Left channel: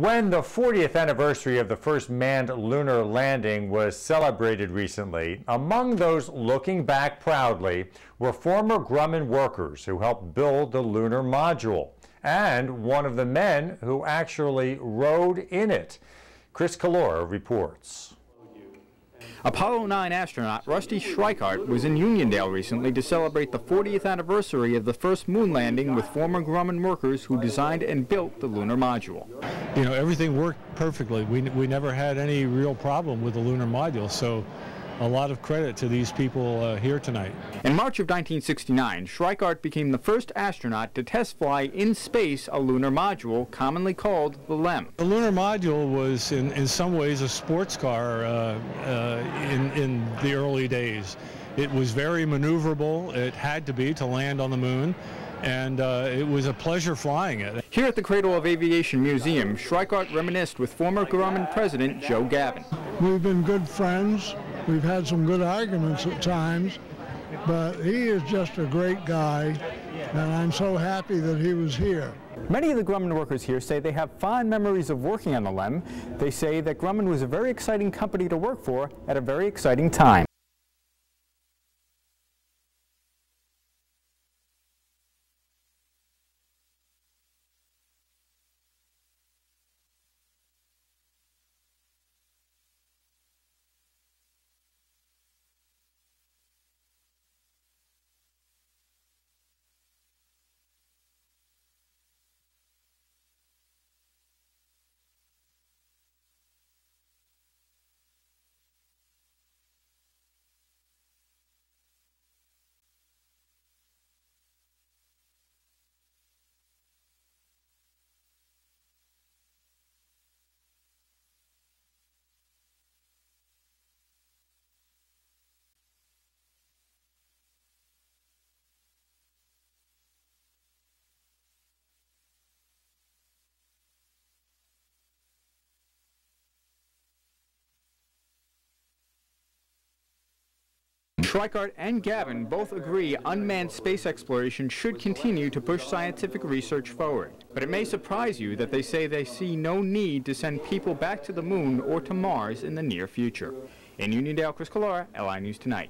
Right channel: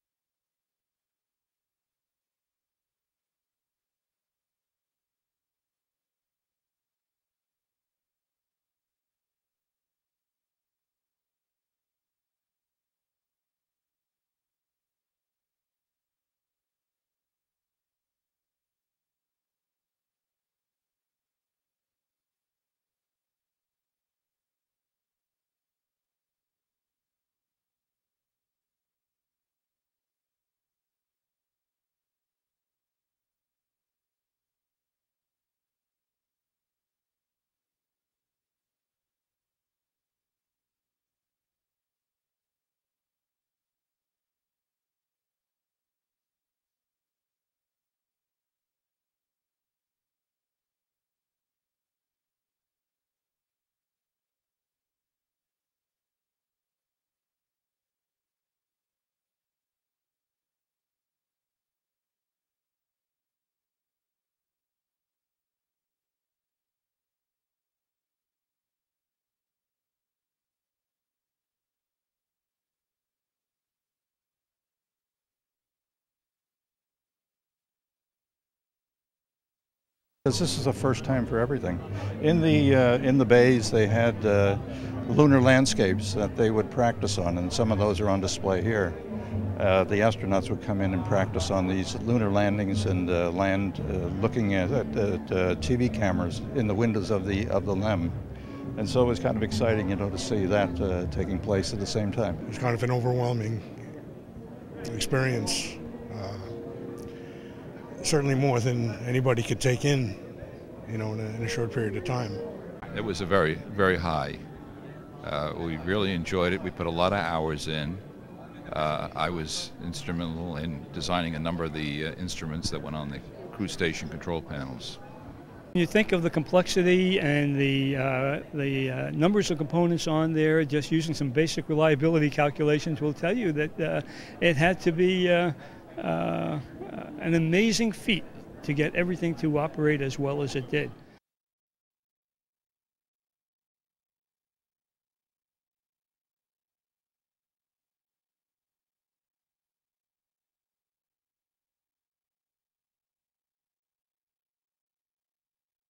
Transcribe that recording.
When the 40th anniversary of the first manned lunar landing was celebrated recently, among those looking back proudly were former Grumman workers who helped build the Lunar Module, and one of the men who actually rode in it. Chris Collora reports. Apollo 9 astronaut Rusty Schweickart was in Uniondale recently to celebrate the 40th anniversary of the first moon landing with former Grumman workers who designed and built the Lunar Module. You know, everything worked perfectly. We never had any real problem with the Lunar Module, so a lot of credit to these people here tonight. In March of 1969, Schweickart became the first astronaut to test fly in space a lunar module, commonly called the LEM. The Lunar Module was in some ways a sports car in the early days. It was very maneuverable. It had to be to land on the moon, and it was a pleasure flying it. Here at the Cradle of Aviation Museum, Schweickart reminisced with former Grumman president Joe Gavin. We've been good friends. We've had some good arguments at times, but he is just a great guy, and I'm so happy that he was here. Many of the Grumman workers here say they have fond memories of working on the LEM. They say that Grumman was a very exciting company to work for at a very exciting time. Because this is the first time for everything. In the bays they had lunar landscapes that they would practice on, and some of those are on display here. The astronauts would come in and practice on these lunar landings and land looking at TV cameras in the windows of the LEM. And so it was kind of exciting, you know, to see that taking place at the same time. It was kind of an overwhelming experience, certainly more than anybody could take in, you know, in a short period of time. It was a very, very high. We really enjoyed it. We put a lot of hours in. I was instrumental in designing a number of the instruments that went on the crew station control panels. You think of the complexity and the numbers of components on there, just using some basic reliability calculations will tell you that it had to be an amazing feat to get everything to operate as well as it did. Schweickart and Gavin both agree unmanned space exploration should continue to push scientific research forward. But it may surprise you that they say they see no need to send people back to the moon or to Mars in the near future. In Uniondale, Chris Collora, LI News Tonight.